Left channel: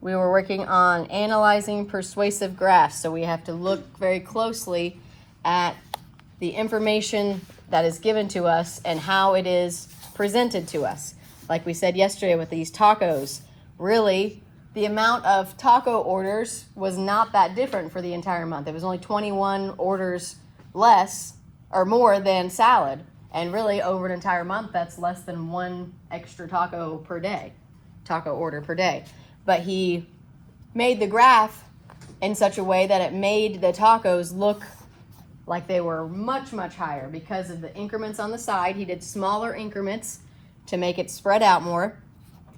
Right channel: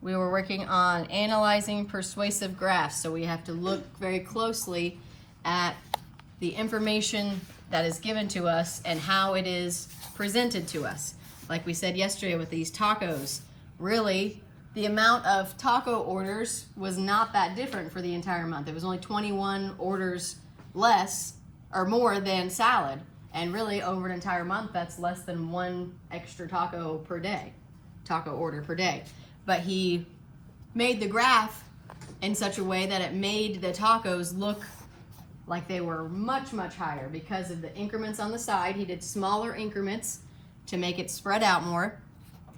we were working on analyzing persuasive graphs. So we have to look very closely at the information that is given to us and how it is presented to us. Like we said yesterday with these tacos, really the amount of taco orders was not that different for the entire month. It was only 21 orders less or more than salad. And really over an entire month, that's less than one extra taco per day, taco order per day. But he made the graph in such a way that it made the tacos look like they were much, much higher because of the increments on the side. He did smaller increments to make it spread out more.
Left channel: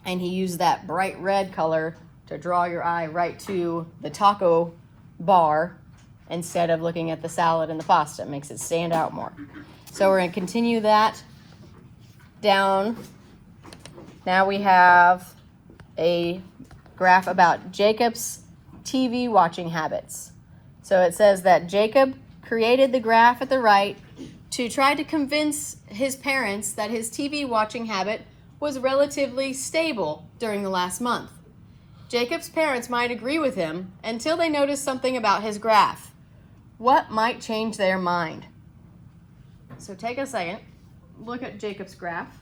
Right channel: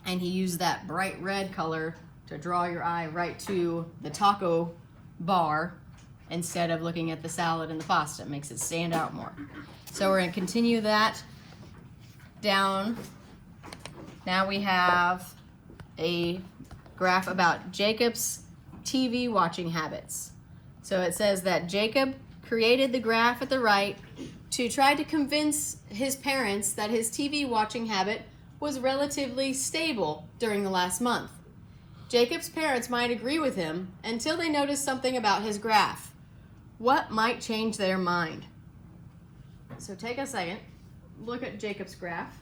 And he used that bright red color to draw your eye right to the taco bar instead of looking at the salad and the pasta. It makes it stand out more. So we're going to continue that down. Now we have a graph about Jacob's TV watching habits. So it says that Jacob created the graph at the right to try to convince his parents that his TV watching habit was relatively stable during the last month. Jacob's parents might agree with him until they notice something about his graph. What might change their mind? So take a second, look at Jacob's graph.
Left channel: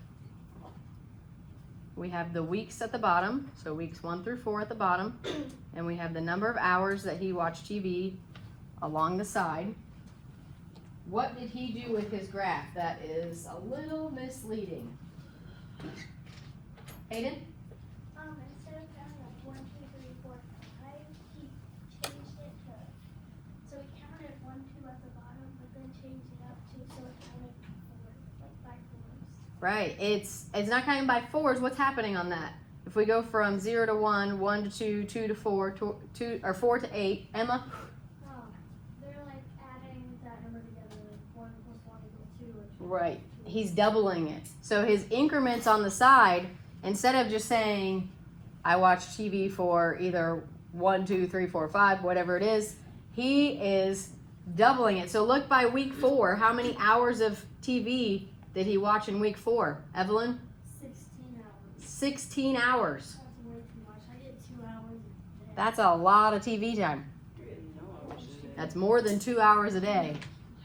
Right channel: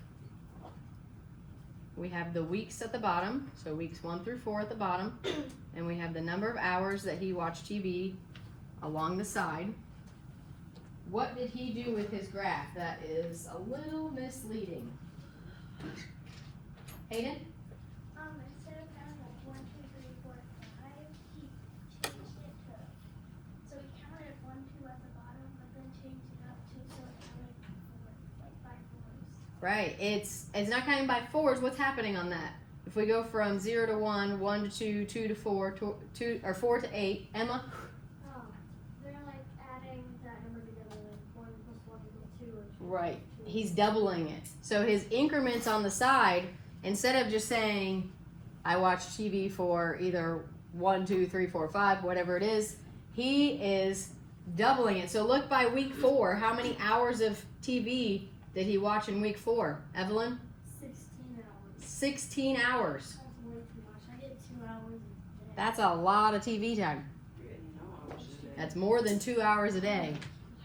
We have the weeks at the bottom, so weeks 1 through 4 at the bottom, and we have the number of hours that he watched TV along the side. What did he do with his graph that is a little misleading? Hayden? Instead of counting like 1, 2, 3, 4, 5, he changed it to, so he counted 1, 2 at the bottom, but then changed it up to, so it counted 4, like by 4s. Right, it's not counting by 4s. What's happening on that? If we go from 0 to 1, 1 to 2, 2 to 4, 2 or 4 to 8, Emma? They're like adding that number together, like 1 plus 1 equals 2. Right, he's doubling it. So his increments on the side, instead of just saying, I watch TV for either 1, 2, 3, 4, 5, whatever it is, he is doubling it. So look by week 4, how many hours of TV did he watch in week 4? Evelyn? 16 hours. 16 hours. That's way too much. I get 2 hours a day. That's a lot of TV time. That's more than 2 hours a day.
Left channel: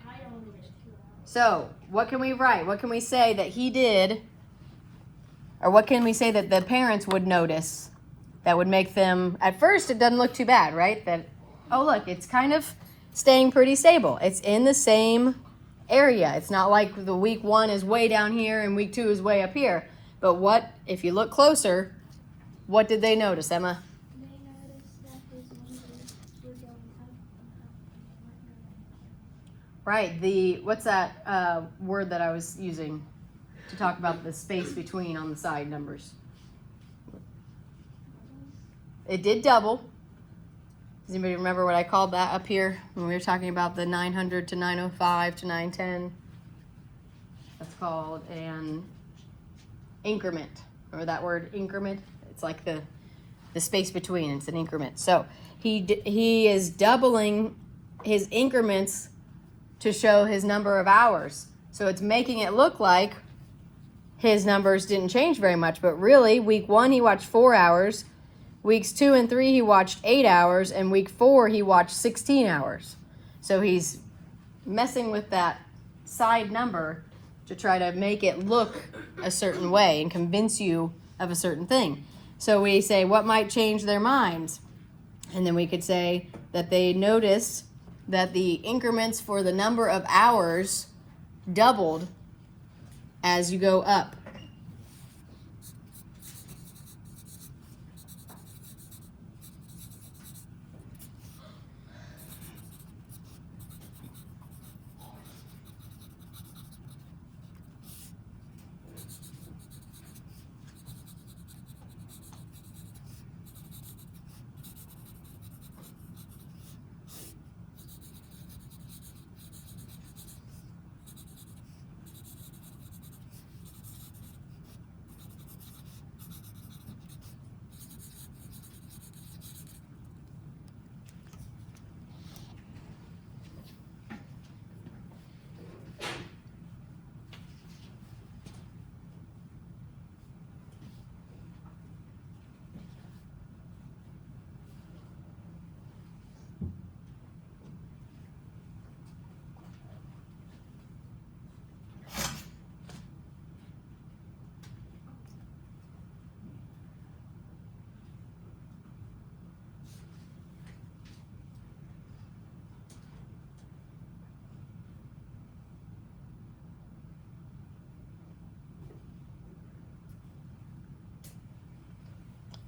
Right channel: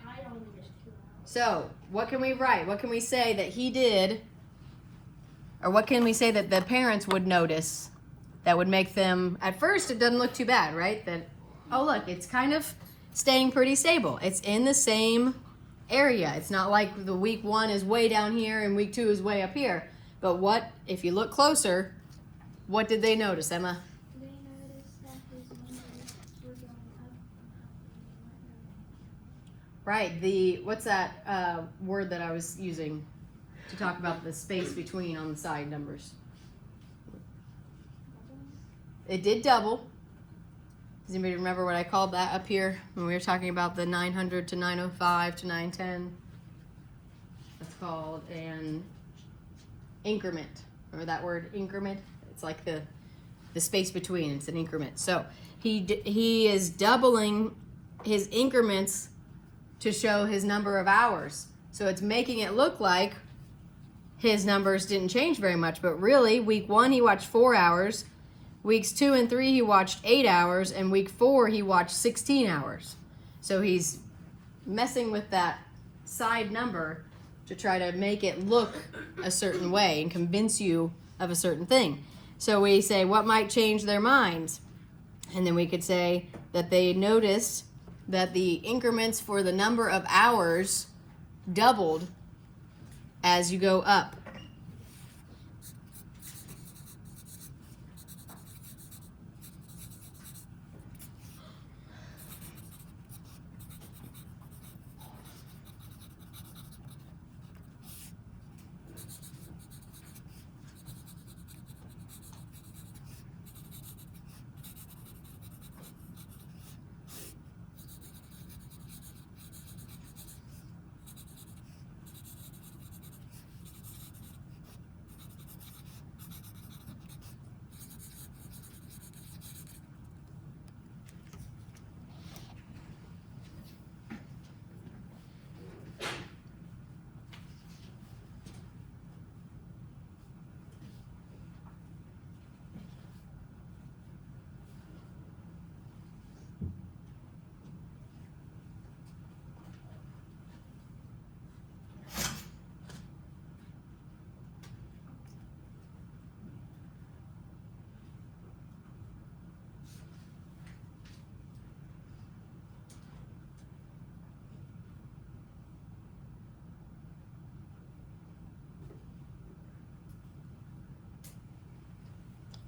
I only get 2 hours. So what can we write? What can we say that he did? Or what can we say that the parents would notice that would make them, at first it doesn't look too bad, right? That, oh look, it's kind of staying pretty stable. It's in the same area. It's not like the week 1 is way down here and week 2 is way up here. But what, if you look closer, what did they notice, Emma? They noticed that his numbers were going up and up. Right, what's that word that I was using to talk about the space between on the side numbers? It did double. Does anybody remember what I called that up here when we were talking about the 900 to 905 to 910? That's called an increment. Remember that word, increment? It's like the space between. It's an increment. So he is doubling his increments to show his number of hours. So it's making it look like his numbers didn't change very much, but really week 1 he watched 4 hours, weeks 2 and 3 he watched 8 hours, and week 4 he watched 16 hours. So he's messing with that side number to try to make it look a certain way and convince you of a certain thing. So we say, what might change their minds? And then we could say that they noticed that the increments for the number of hours doubled as you go up.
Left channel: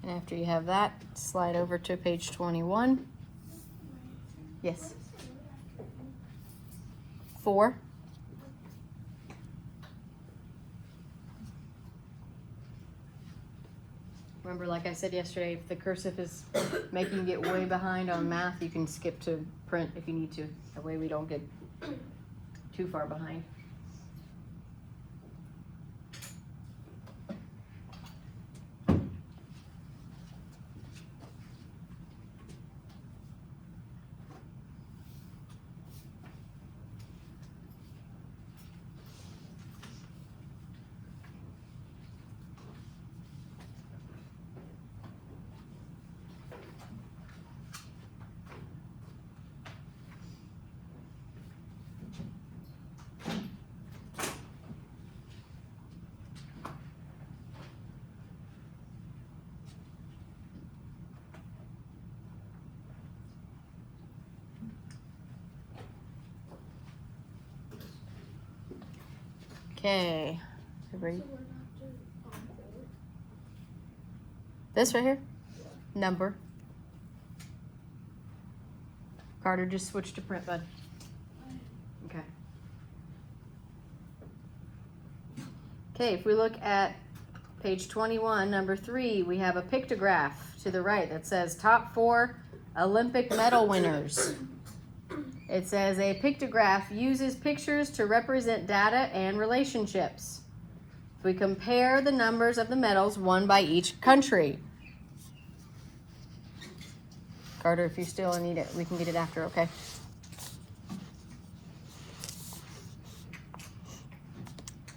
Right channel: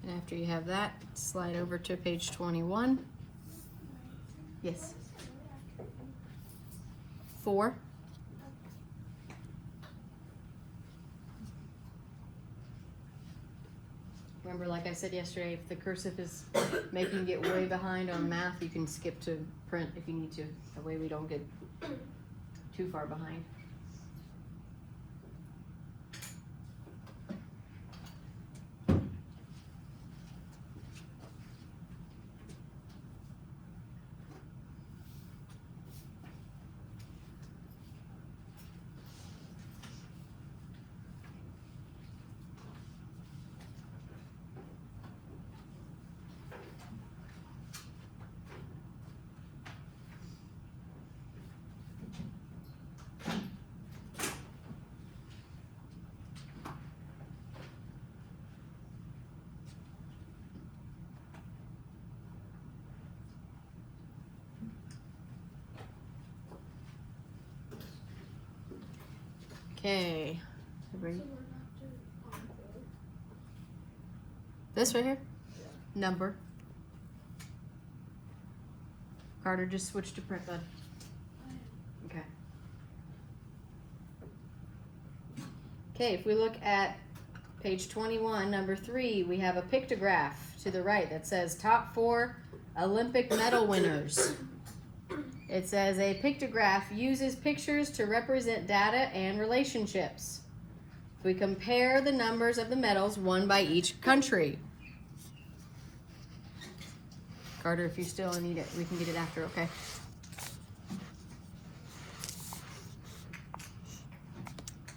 And after you have that, slide over to page 21. Yes. 4. Remember, like I said yesterday, if the cursive is making you get way behind on math, you can skip to print if you need to. That way we don't get too far behind. Okay, everybody. So we're not doing gold. This right here, number. Carter, just switch to print, bud. Okay. Okay, if we look at page 21, number 3, we have a pictograph to the right that says top 4 Olympic medal winners. It says a pictograph uses pictures to represent data and relationships. We compare the numbers of the medals won by each country. Carter, if you still need it, we can get it after, okay?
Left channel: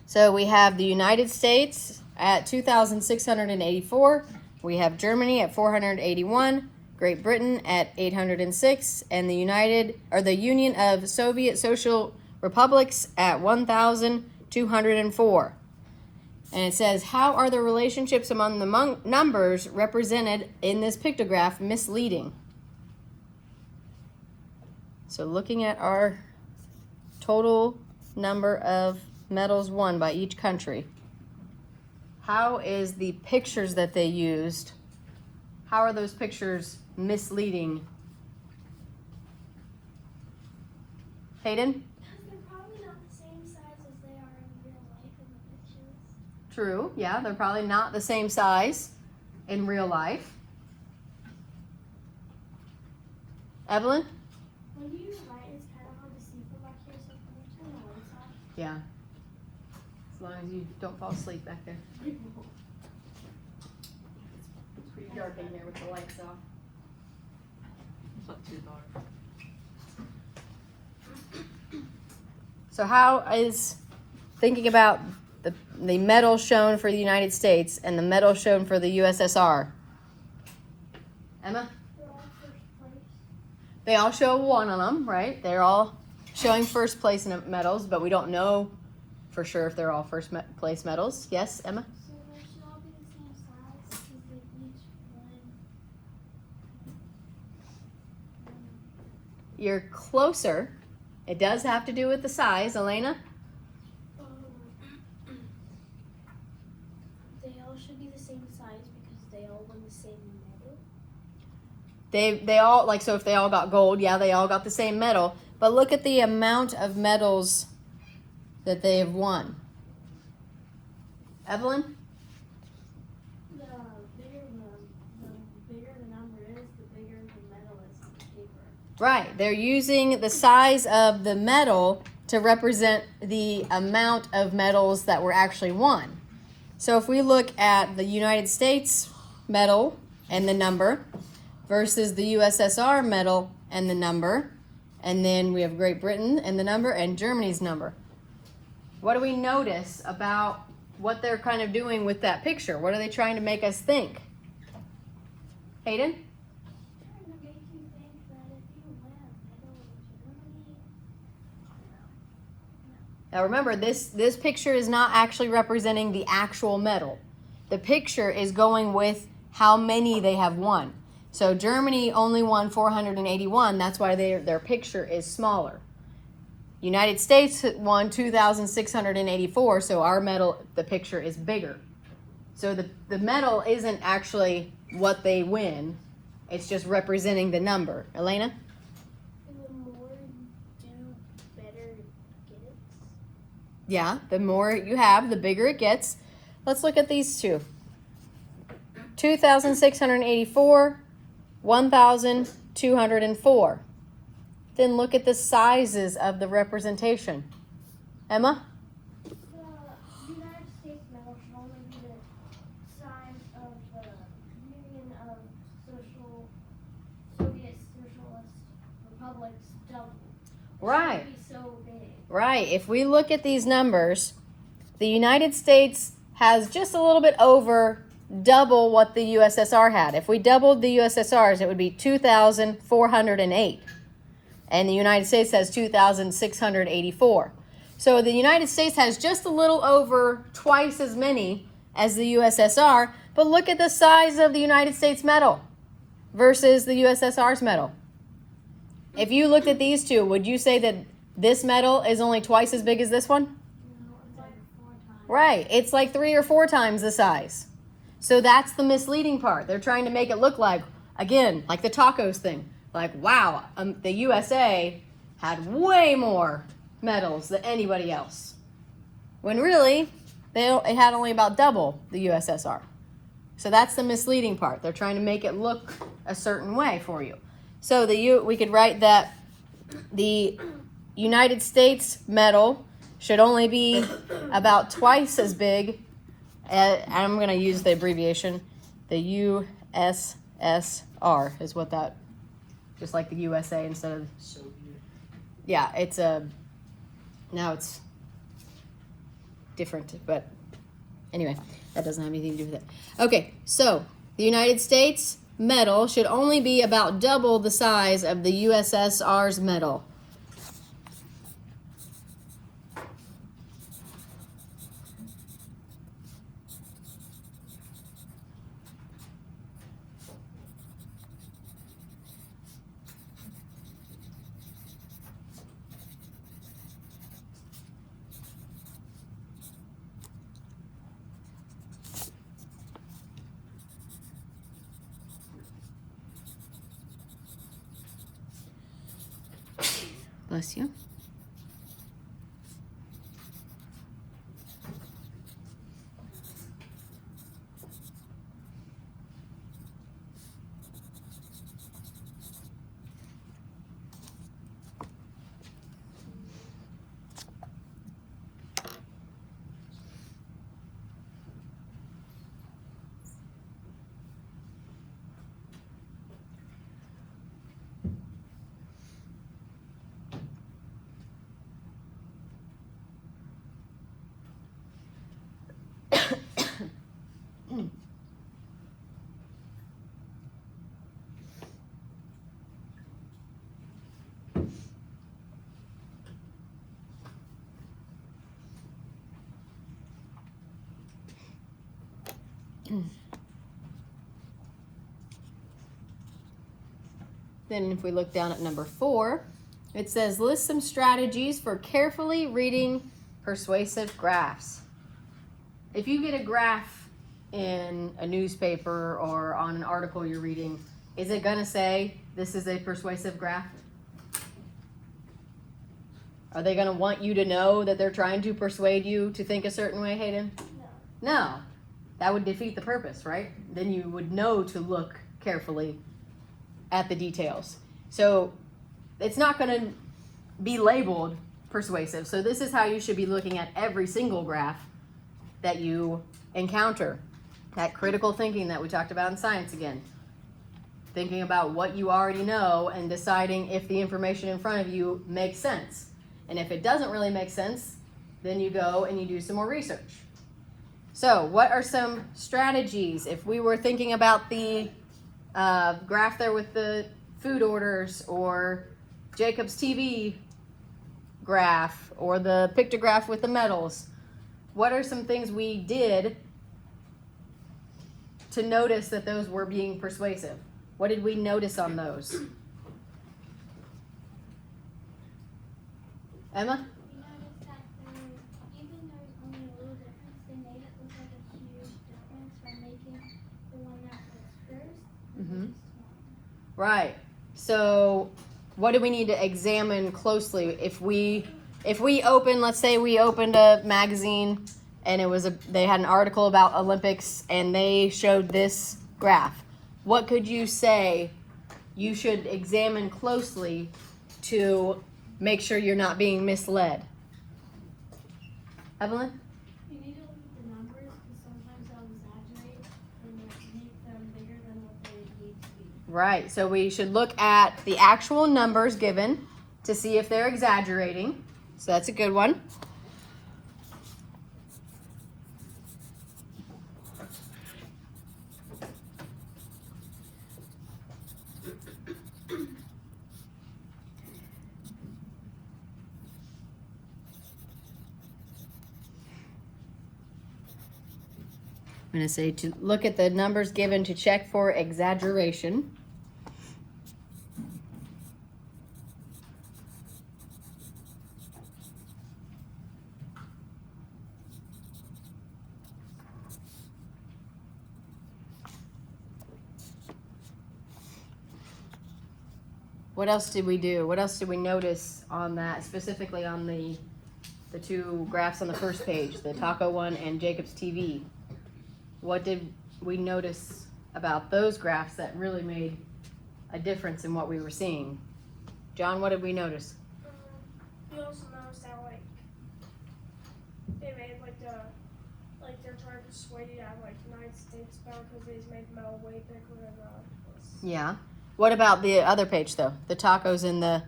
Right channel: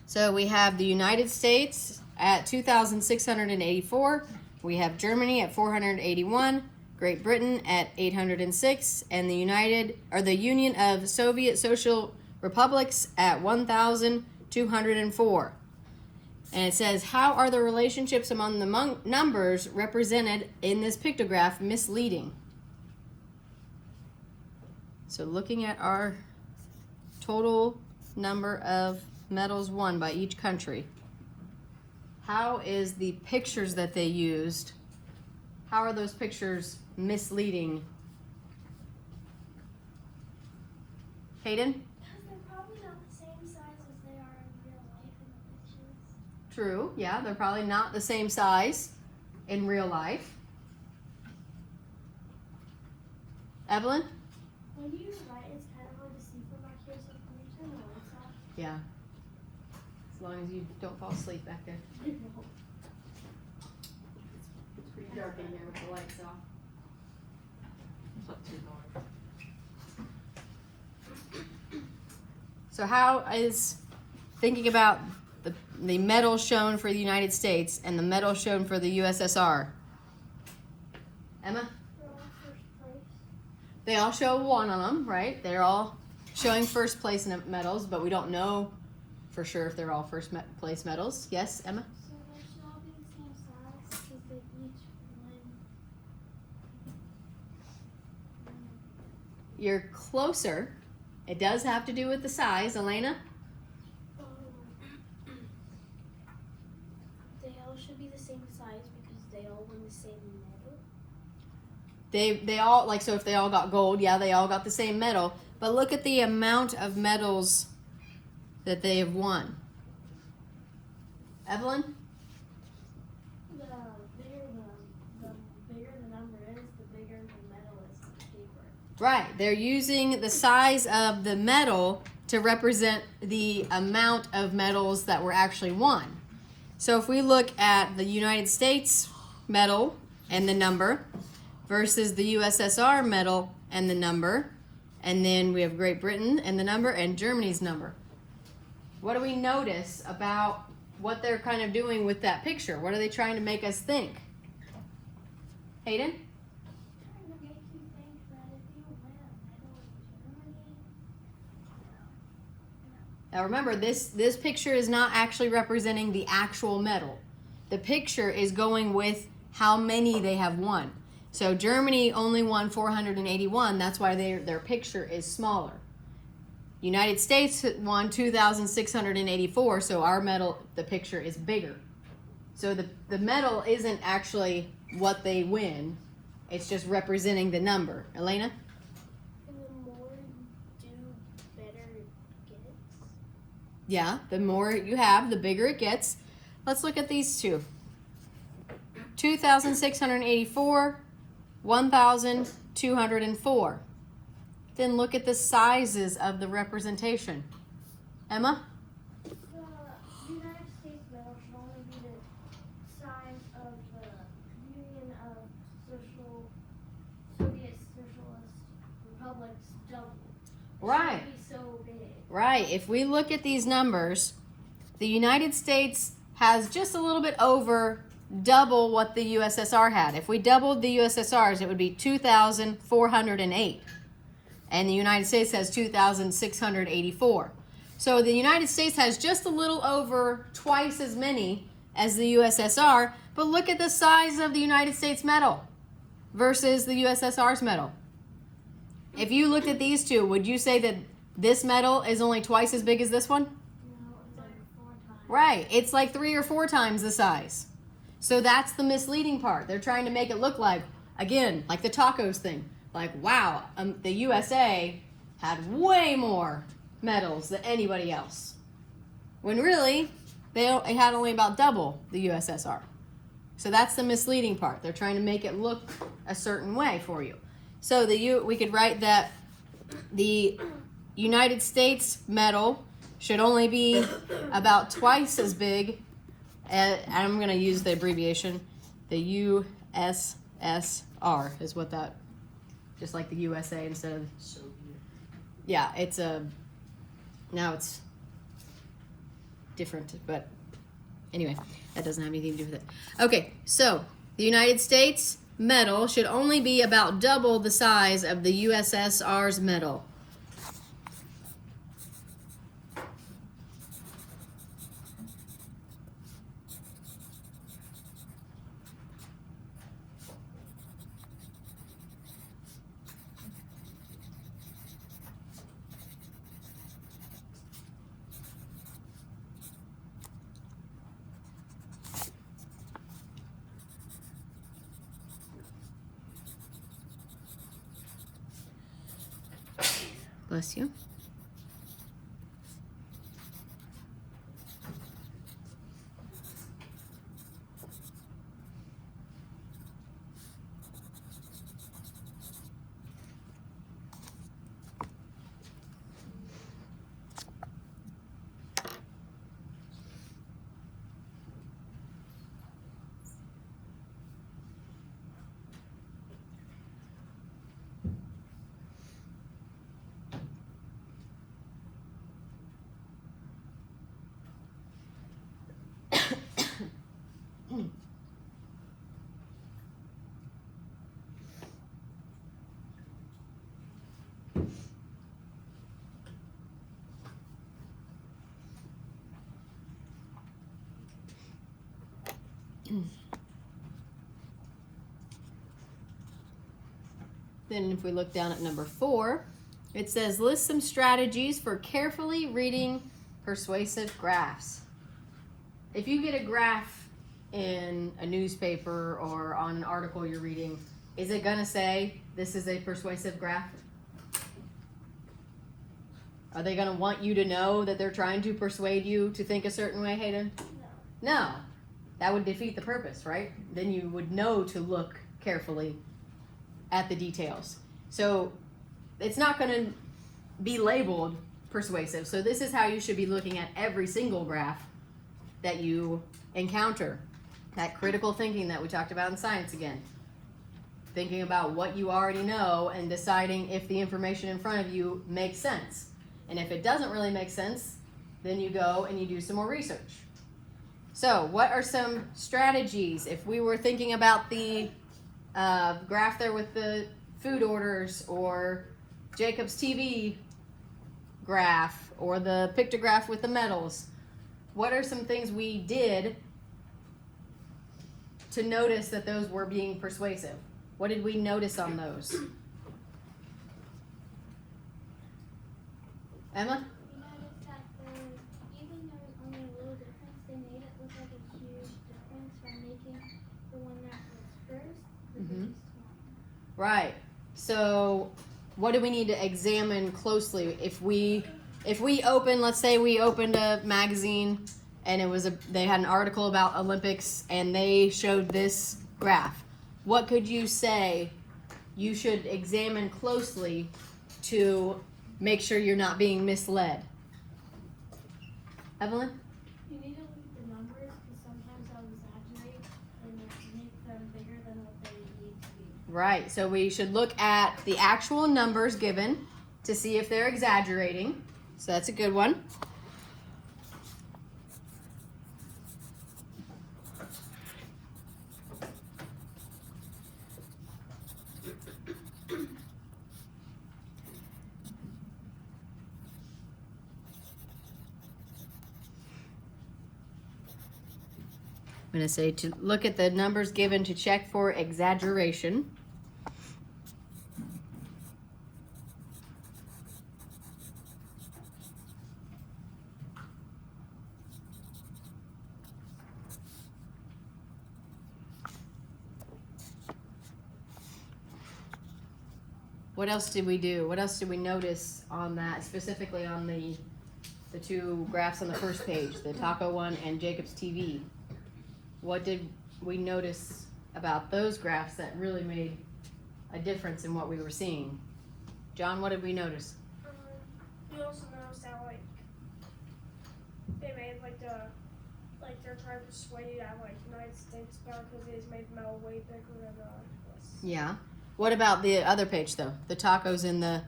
So we have the United States at 2,684. We have Germany at 481. Great Britain at 806, and the Union of Soviet Social Republics at 1,204. And it says, how are the relationships among the numbers represented in this pictograph misleading? So looking at our total number of medals won by each country, how is the pictures that they used, how are those pictures misleading? Hayden? Because they're probably not the same size as they are in real life in the pictures. True, yeah, they're probably not the same size in real life. Evelyn? When you write, it's kind of hard to see from back here, so can you turn the lights off? Yeah. As long as you don't fall asleep back there. It's pretty dark in there with the lights off. So how is thinking about the medal shown for the United States and the medal shown for the USSR? Emma? They're all first place. They all show one of them, right? They're all showing first place in medals, but we don't know for sure if they're all first place medals. Yes, Emma? So they should all be the same size because they each win. You're closer. It does have to do with the size. Elena? They all should be the same size because they all win the same medal. They all, like, so if they all got gold, yeah, they all got the same medal. But look at the amount of medals that they've won. Evelyn? The bigger the number is, the bigger the medal is on the paper. Right. They're using the size of the medal to represent the amount of medals that were actually won. So if we look at the United States medal and the number versus the USSR medal and the number, and then we have Great Britain and the number and Germany's number. What do we notice about what they're kind of doing with that picture? What are they trying to make us think? Hayden? Trying to make you think that if you win a medal in Germany, Now remember, this picture is not actually representing the actual medal. The picture is going with how many they have won. So Germany only won 481, that's why their picture is smaller. United States won 2,684, so our medal, the picture is bigger. So the medal isn't actually what they win. It's just representing the number. Elena? The more you do, better it gets. Yeah, the more you have, the bigger it gets. Let's look at these two. 2,684, 1,204. Then look at the sizes of the representation. Emma? The United States medal should only be the size of the Union of Soviet Socialist Republics double. It Right. should be so big. Right. If we look at these numbers, the United States has just a little bit over double what the USSR had. If we doubled the USSR's, it would be 2,408. And the United States has 2,684. So the United States has just a little over twice as many as the USSR, but look at the size of the United States medal versus the USSR's medal. If you looked at these two, would you say that this medal is only twice as big as this one? No, it's like 4 times. Right, it's like 3 or 4 times the size. So that's the misleading part. They're trying to make it look like, again, like the tacos thing. Like, wow, the USA had way more medals than anybody else. When really, it had only about double the USSR. So that's the misleading part. They're trying to make it look a certain way for you. So we could write that the United States medal should only be about twice as big, and I'm going to use the abbreviation, the USSR is what that, just like the USA instead of Soviet. Yeah, now it's different, but anyway, that doesn't have anything to do with it. Okay, so the United States medal should only be about double the size of the USSR's medal. Bless you. Then if we look down at number 4, it says list some strategies for carefully reading persuasive graphs. If you get a graph in a newspaper or on an article you're reading, is it going to say this is a persuasive graph? Are they going to want you to know that they're trying to persuade you to think a certain way, Hayden? No. No. That would defeat the purpose, right? Then you would know to look carefully at the details. So it's not going to be labeled persuasive. So this is how you should be looking at every single graph that you encounter. That critical thinking that we talked about in science again. Thinking about what you already know and deciding if the information in front of you makes sense. And if it doesn't really make sense, then you go and you do some more research. So what are some strategies if we were thinking about the graph there with the food orders, or Jacob's TV graph, or the pictograph with the medals? What are some things we did to notice that those were being persuasive? What did we notice on those? Emma? You noticed that even though there's only a little difference, they made it look like a huge difference from making the one that was first Right. So what do we need to examine closely? If we open, let's say we opened a magazine and they had an article about Olympics and they showed this graph. What could you say you should examine closely to make sure you're not being misled? Evelyn? You need to look at the numbers because sometimes I'll exaggerate and make them bigger than what they need to be. Right, so we should look at the actual numbers given to see if they're exaggerating. So that's a good one. I'm going to say to look at the numbers given to check for exaggeration. What else did we do? What else did we notice on that, specifically on the two graphs on the first page, the Taco one and Jacob's TV? What did we notice about those graphs that really made a difference in what we were seeing? John, what did we notice? You also noticed how they made they're trying to persuade you at United States Power because they just made metal way bigger than was. Yeah. What about the other page though? The tacos and the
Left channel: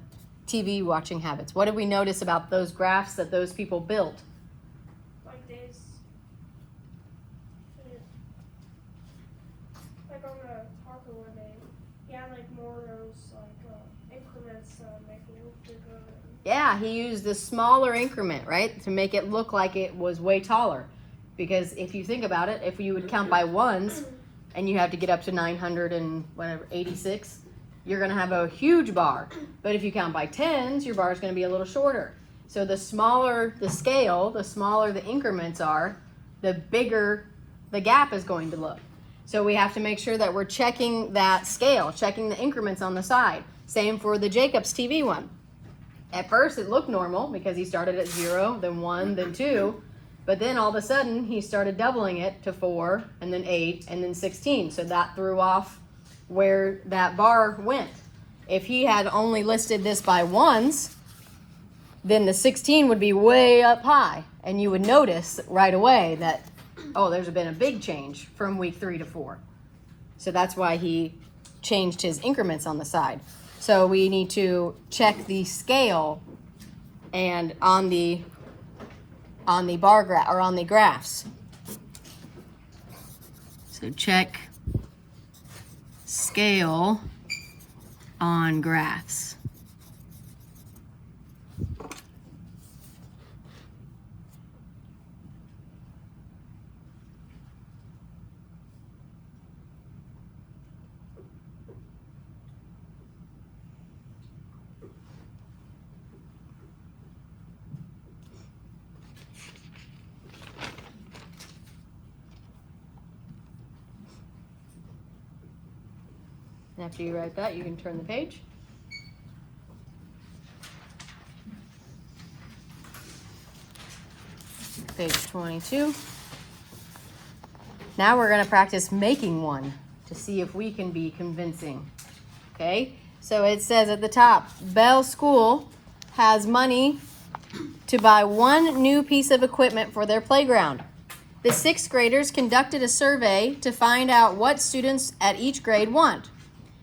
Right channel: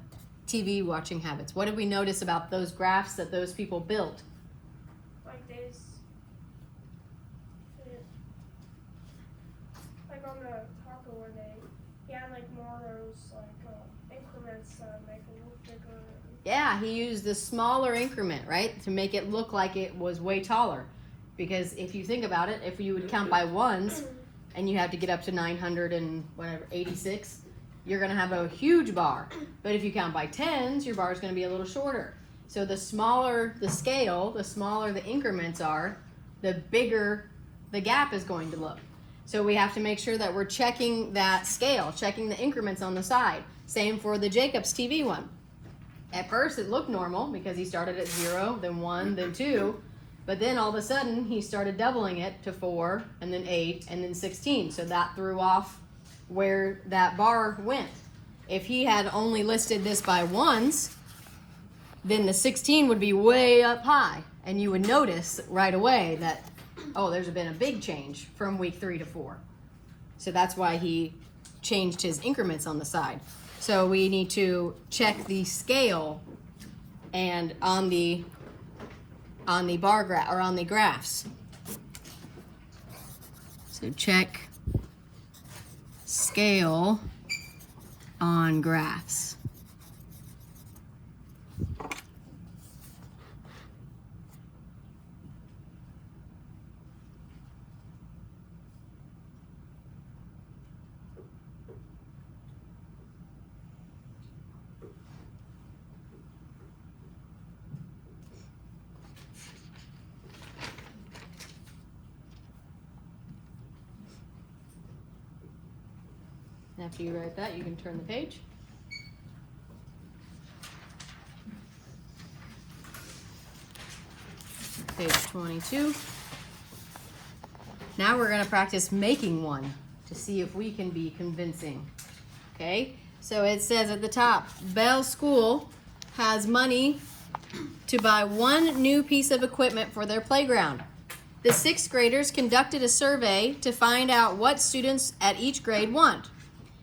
TV watching habits. What did we notice about those graphs that those people built? On the taco one he had more of those increments to make it look bigger. Yeah, he used the smaller increment, right, to make it look like it was way taller. Because if you think about it, if you would count by ones and you have to get up to 986, you're going to have a huge bar. But if you count by tens, your bar is going to be a little shorter. So the smaller the scale, the smaller the increments are, the bigger the gap is going to look. So we have to make sure that we're checking that scale, checking the increments on the side. Same for the Jacob's TV one. At first it looked normal because he started at 0, then 1, then 2. But then all of a sudden he started doubling it to 4, and then 8, and then 16. So that threw off where that bar went. If he had only listed this by ones, then the 16 would be way up high. And you would notice right away that, oh, there's been a big change from week 3 to 4. So that's why he changed his increments on the side. So we need to check the scale and on the bar graph or on the graphs. So check scale on graphs. After you write that, you can turn the page. Page 22. Now we're going to practice making one to see if we can be convincing. Okay, so it says at the top, Bell School has money to buy one new piece of equipment for their playground. The 6th graders conducted a survey to find out what students at each grade want.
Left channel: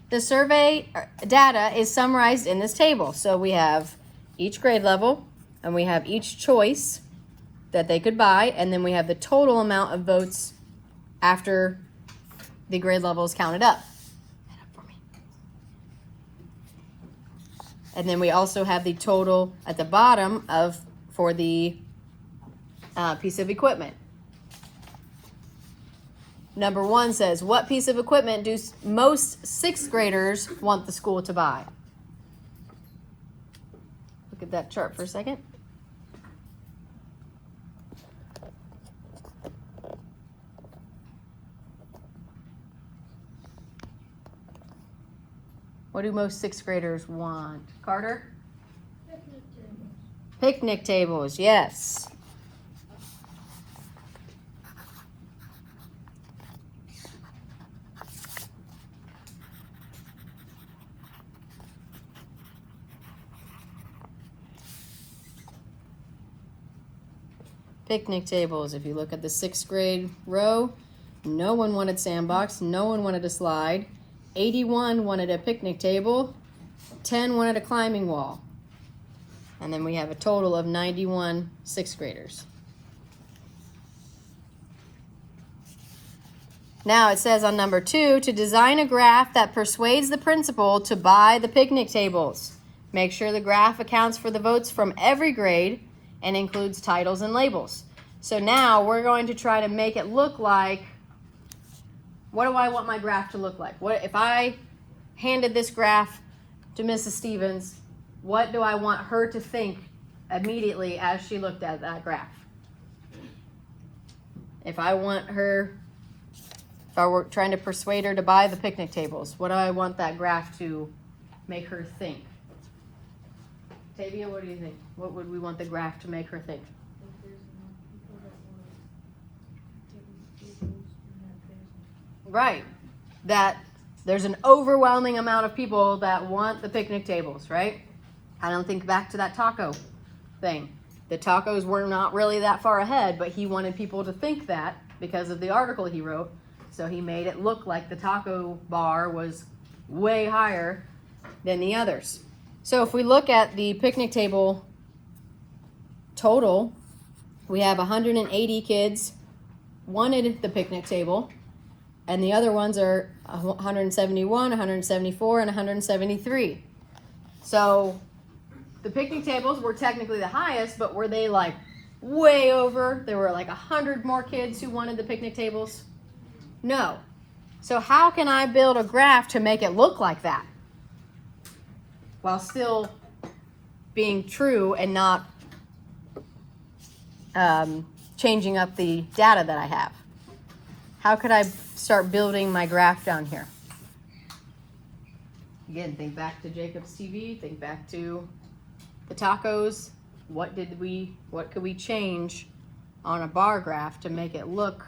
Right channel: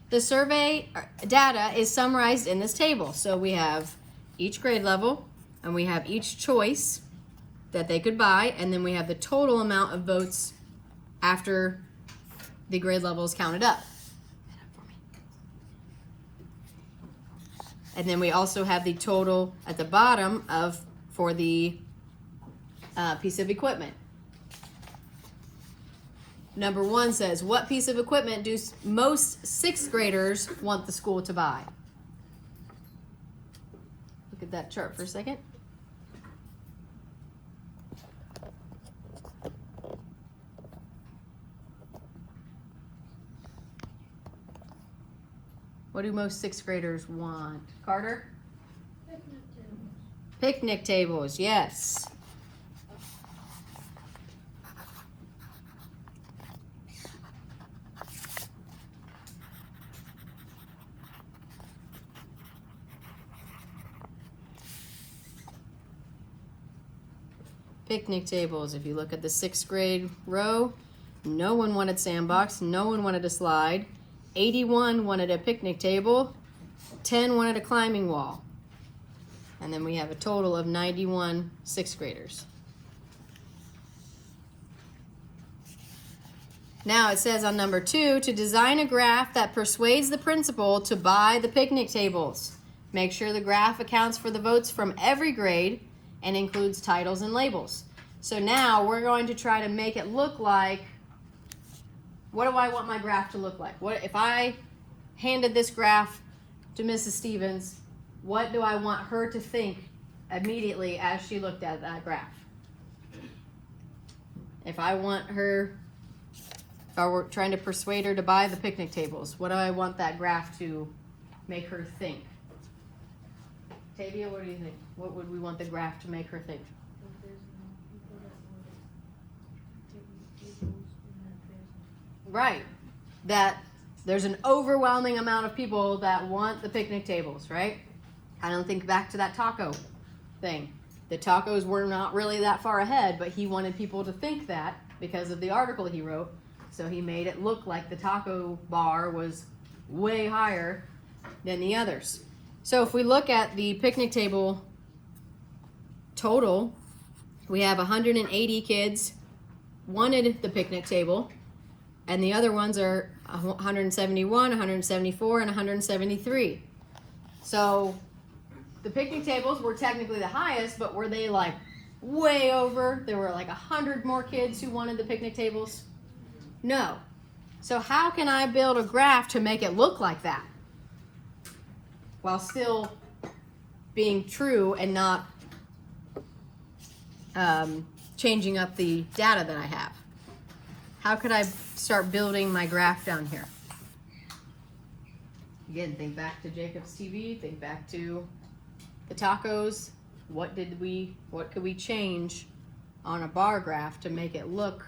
The survey data is summarized in this table. So we have each grade level, and we have each choice that they could buy, and then we have the total amount of votes after the grade level is counted up. And then we also have the total at the bottom for the piece of equipment. Number 1 says, what piece of equipment do most 6th graders want the school to buy? Look at that chart for a second. What do most sixth graders want? Carter? Picnic tables. Picnic tables, yes. Picnic tables, if you look at the sixth grade row, no one wanted sandbox, no one wanted a slide, 81 wanted a picnic table, 10 wanted a climbing wall. And then we have a total of 91 sixth graders. Now it says on number 2, to design a graph that persuades the principal to buy the picnic tables. Make sure the graph accounts for the votes from every grade and includes titles and labels. So now we're going to try to make it look like, what do I want my graph to look like? What if I handed this graph to Mrs. Stevens, what do I want her to think immediately as she looked at that graph? If I were trying to persuade her to buy the picnic tables, what do I want that graph to make her think? Tavia, what do you think? What would we want the graph to make her think? Right. That there's an overwhelming amount of people that want the picnic tables, right? I don't think back to that taco thing. The tacos were not really that far ahead, but he wanted people to think that because of the article he wrote. So he made it look like the taco bar was way higher than the others. So if we look at the picnic table total, we have 180 kids wanted the picnic table, and the other ones are 171, 174, and 173. So the picnic tables were technically the highest, but were they like way over? There were like 100 more kids who wanted the picnic tables? No. So how can I build a graph to make it look like that while still being true and not changing up the data that I have? How could I start building my graph down here? Again, think back to Jacob's TV, think back to the tacos. What could we change on a bar graph to make it look?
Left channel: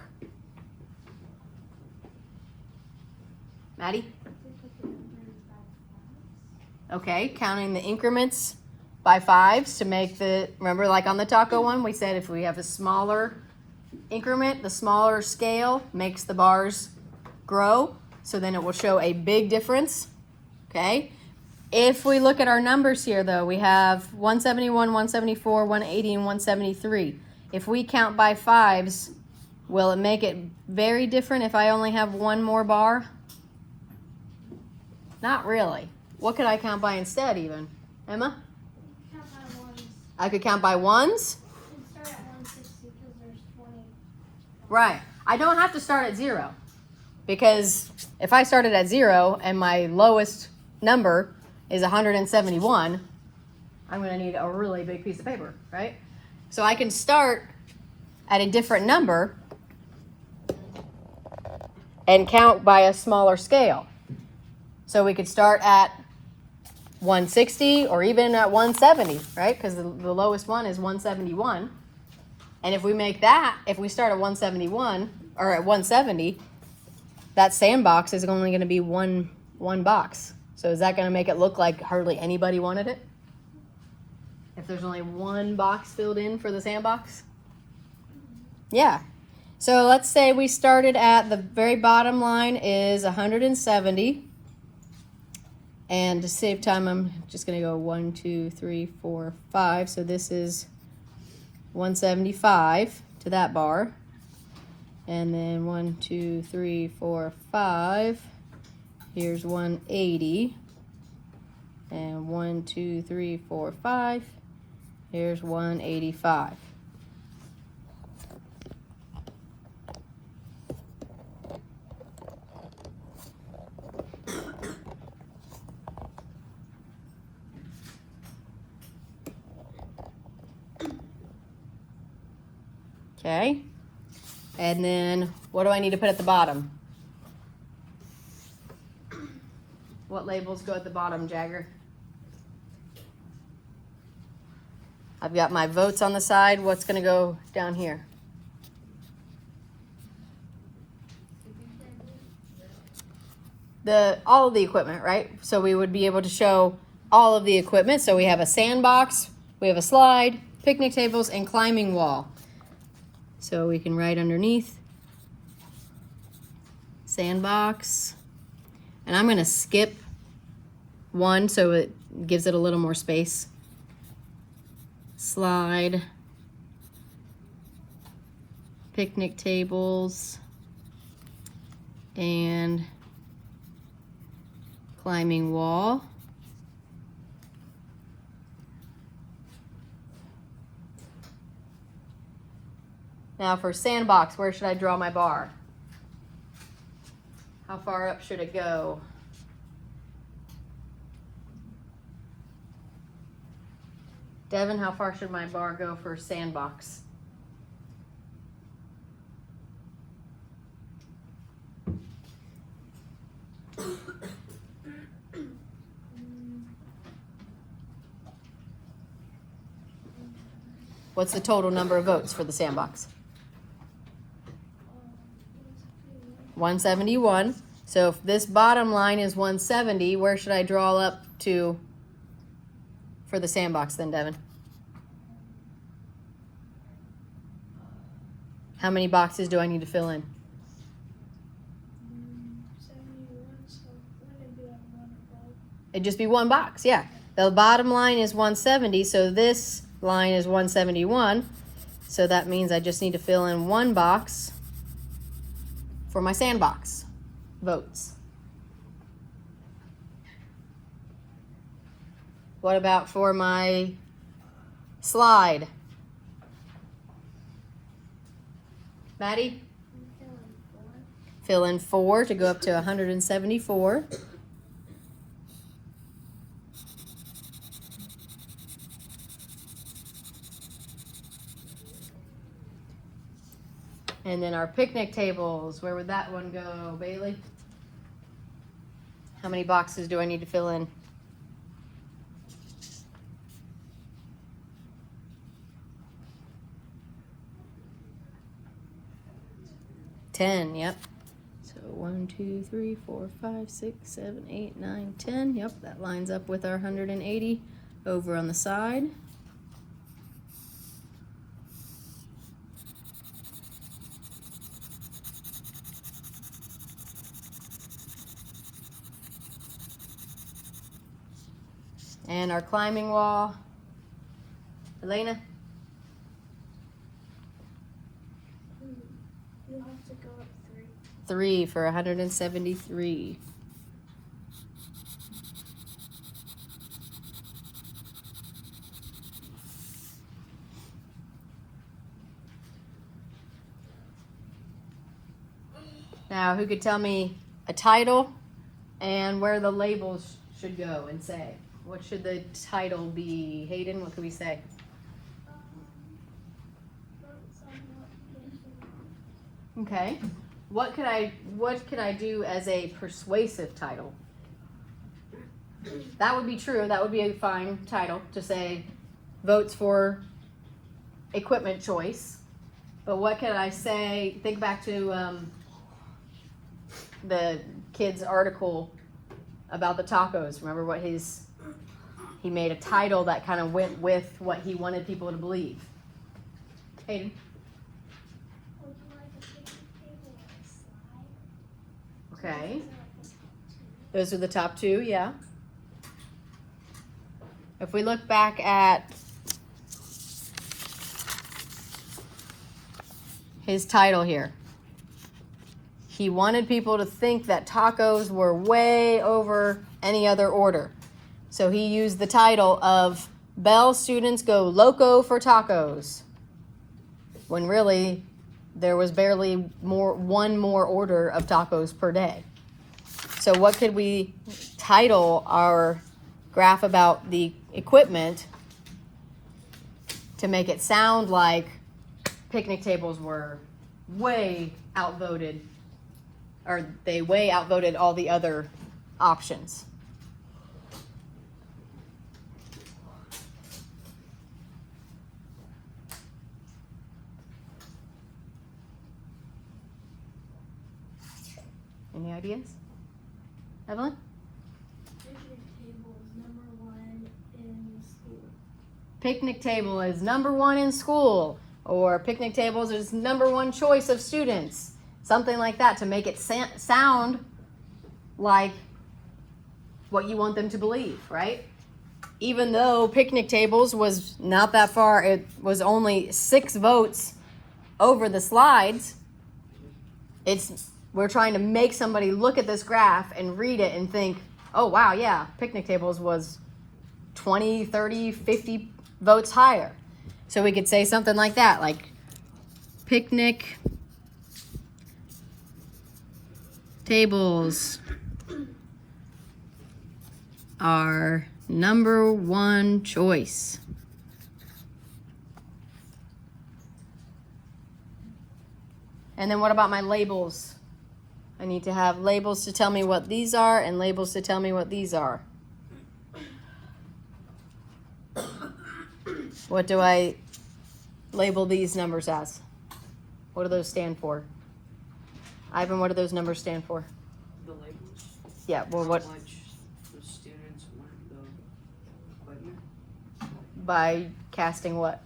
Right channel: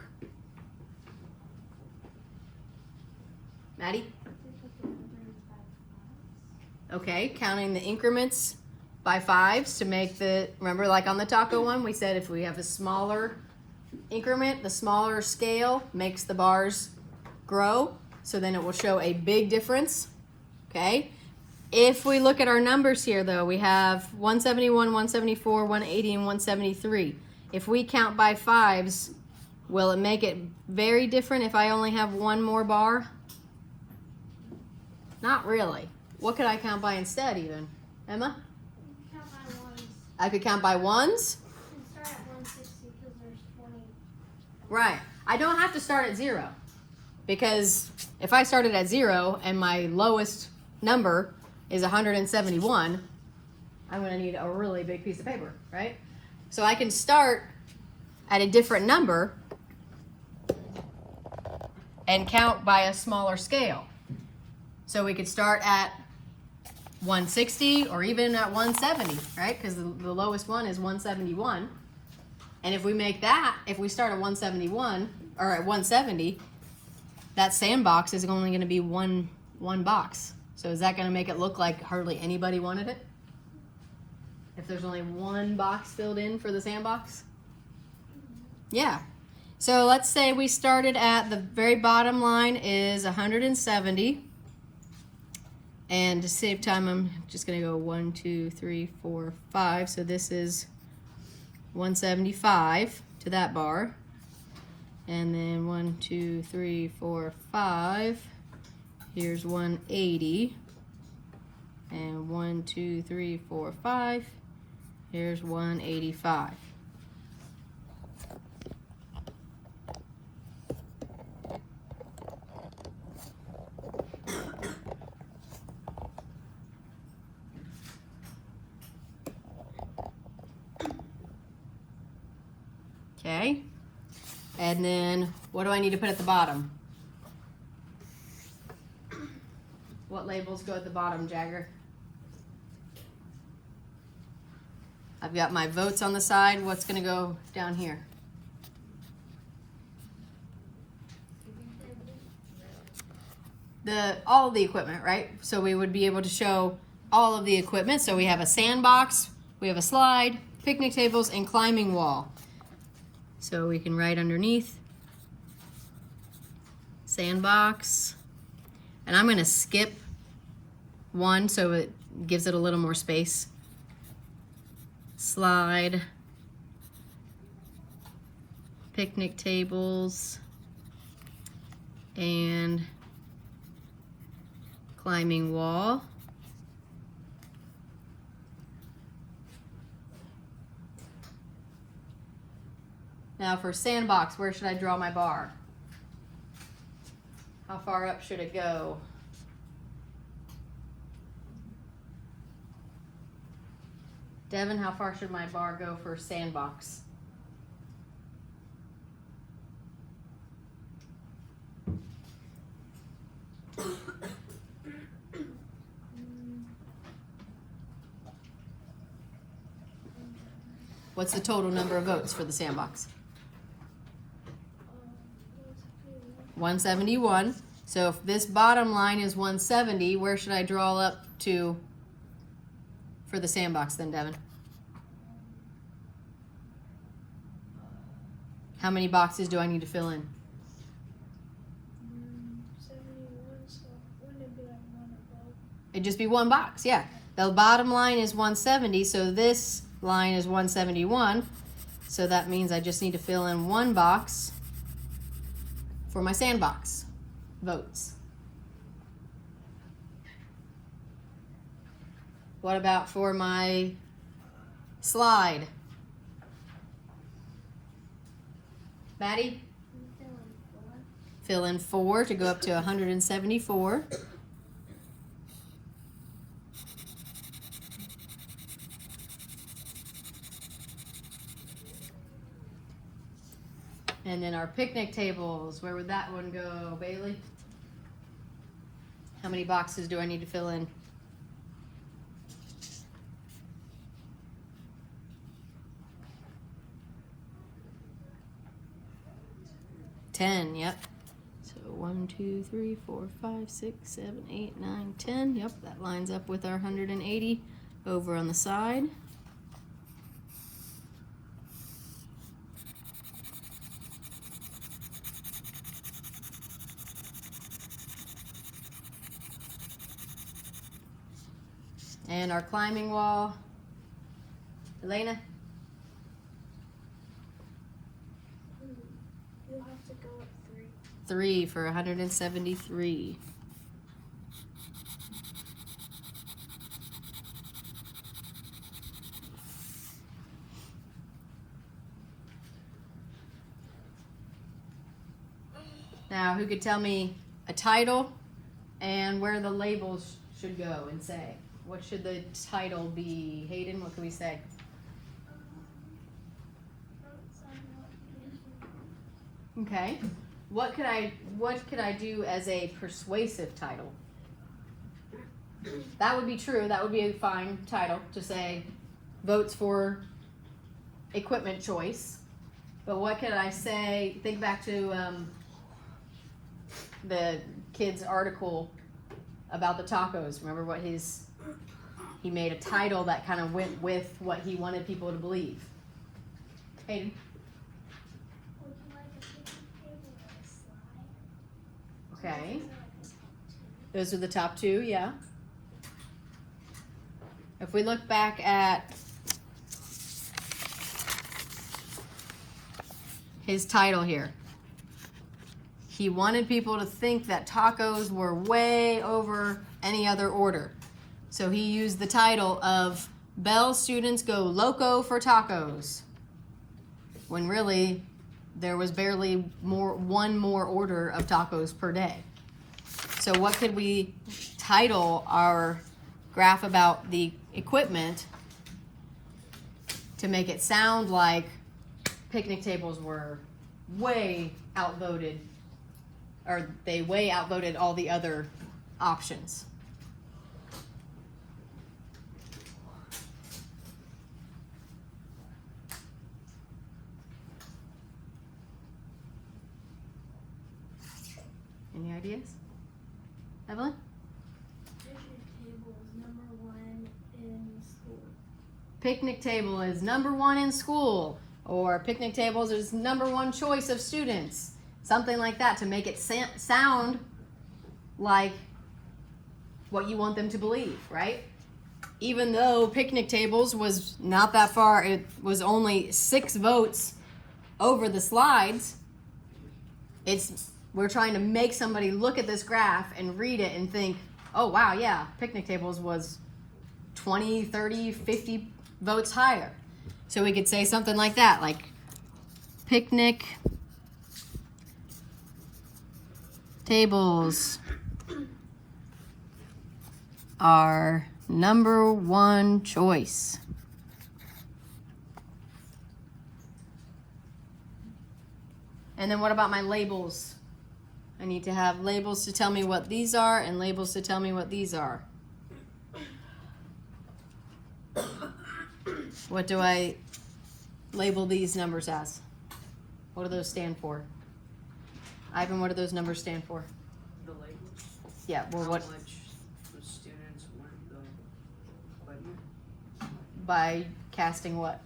Maddie? Okay, counting the increments by fives to make remember like on the taco one, we said if we have a smaller increment, the smaller scale makes the bars grow, so then it will show a big difference, okay? If we look at our numbers here though, we have 171, 174, 180, and 173. If we count by fives, will it make it very different if I only have one more bar? Not really. What could I count by instead even? Emma? Count by ones. I could count by ones? You can start at 160 because there's 20. Right. I don't have to start at 0, because if I started at 0 and my lowest number is 171, I'm going to need a really big piece of paper, right? So I can start at a different number and count by a smaller scale. So we could start at 160 or even at 170, right? Because the lowest one is 171. And if we make that, if we start at 171 or at 170, that sandbox is only going to be one box. So is that going to make it look like hardly anybody wanted it? If there's only one box filled in for the sandbox? Yeah. So let's say we started at the very bottom line is 170. And to save time, I'm just going to go 1, 2, 3, 4, 5. So this is 175 to that bar. And then 1, 2, 3, 4, 5. Here's 180. And 1, 2, 3, 4, 5. Here's 185. Okay, and then what do I need to put at the bottom? What labels go at the bottom, Jagger? I've got my votes on the side. What's gonna go down here? All of the equipment, right? So we would be able to show all of the equipment. So we have a sandbox, we have a slide, picnic tables, and climbing wall. So we can write underneath sandbox, and I'm gonna skip one so it gives it a little more space. Slide, picnic tables, and climbing wall. Now for sandbox, where should I draw my bar? How far up should it go? Devin, how far should my bar go for sandbox? What's the total number of votes for the sandbox? 171. So if this bottom line is 170, where should I draw up to for the sandbox then, Devin? How many boxes do I need to fill in? 71, so wouldn't it be like one above? It'd just be one box, yeah. The bottom line is 170, so this line is 171. So that means I just need to fill in one box for my sandbox votes. What about for my slide? Maddie? I'm feeling 4. Fill in 4 to go up to 174. And then our picnic tables, where would that one go, Bailey? How many boxes do I need to fill in? Ten, yep. So 1, 2, 3, 4, 5, 6, 7, 8, 9, 10. Yep, that lines up with our 180 over on the side. And our climbing wall. Elena? You'll have to go up 3. 3 for 173. Now, who could tell me a title and where the labels should go and say? What should the title be? Hayden, what can we say? Votes on what vision. Okay. What could I do as a persuasive title? That would be true. That would be a fine title to say votes for equipment choice. But what could I say? Think back to the kid's article about the tacos. Remember what he made a title that kind of went with what he wanted people to believe. Hayden? Would you like a picnic table or a slide? Okay. Those are like the top 2. Those are the top 2, yeah. If we look back at his title here, he wanted people to think that tacos were way over any other order. So he used the title of Bell Students Go Loco for Tacos, when really there was barely one more order of tacos per day. So what could we title our graph about the equipment to make it sound like picnic tables were way outvoted, or they way outvoted all the other options? ideas? Evelyn? Picnic table is number 1 in school. Picnic table is number 1 in school, or picnic tables is number 1 choice of students. Something like that to make it sound like what you want them to believe, right? Even though picnic tables was not that far, it was only 6 votes over the slides. We're trying to make somebody look at this graph and read it and think, oh wow, yeah, picnic tables was 20, 30, 50 votes higher. So we could say something like that, like picnic tables are number 1 choice. And then what about my labels? I need to have labels to tell me what these are and labels to tell me what these are. What do I label these numbers as? What do those stand for? Ivan, what do those numbers stand for? The labels. Yeah, well, what? How much the students want the equipment? By casting what?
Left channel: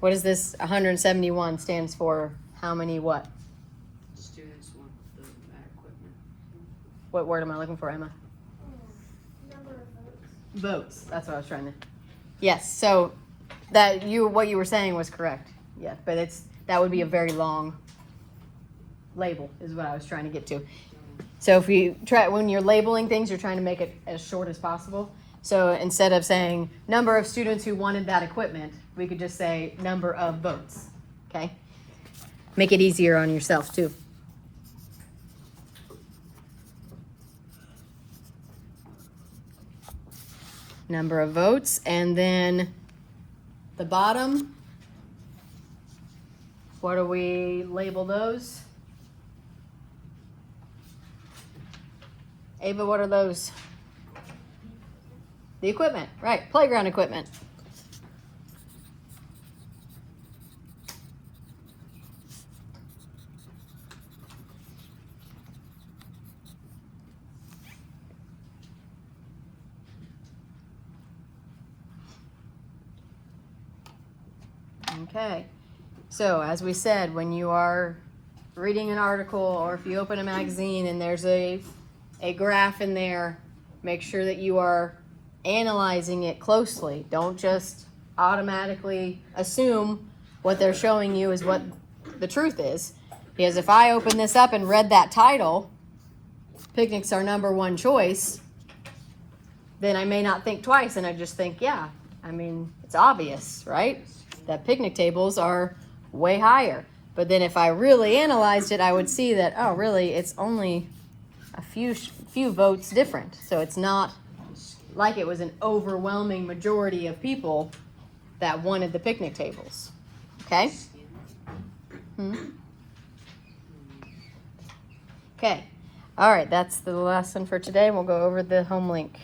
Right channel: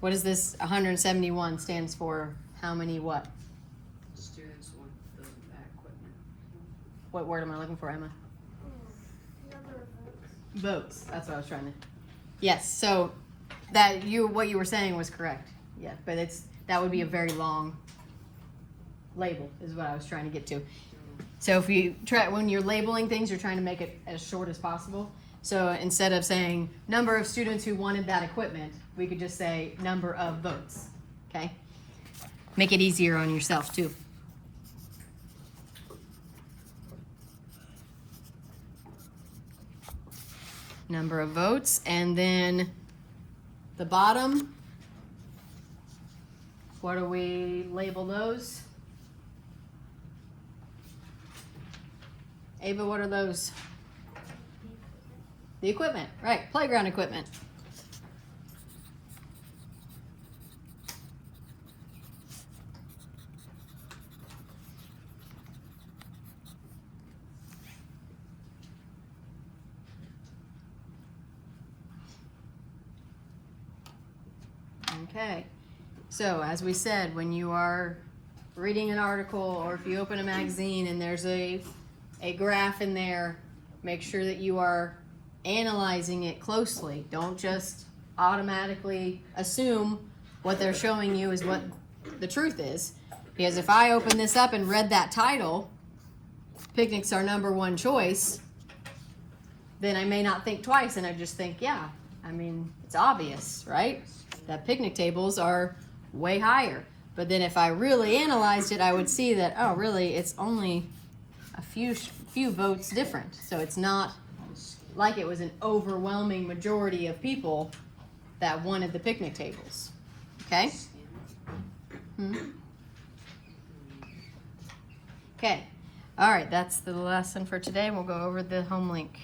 What is this 171 stands for? How many what? Students want that equipment. What word am I looking for, Emma? Number of votes. Votes. That's what I was trying to. Yes. So what you were saying was correct. Yeah, but that would be a very long label is what I was trying to get to. So if you try when you're labeling things, you're trying to make it as short as possible. So instead of saying number of students who wanted that equipment, we could just say number of votes. Okay? Make it easier on yourself too. Number of votes, and then the bottom, what do we label those? Ava, what are those? The equipment, right, playground equipment. Okay, so as we said, when you are reading an article or if you open a magazine and there's a graph in there, make sure that you are analyzing it closely. Don't just automatically assume what they're showing you is what the truth is. Because if I open this up and read that title, picnics are number 1 choice, then I may not think twice and I just think, yeah, I mean, it's obvious, right? That picnic tables are way higher. But then if I really analyzed it, I would see that, oh, really, it's only a few votes different. So it's not like it was an overwhelming majority of people that wanted the picnic tables. Okay? Okay. All right, that's the lesson for today. We'll go over the home link.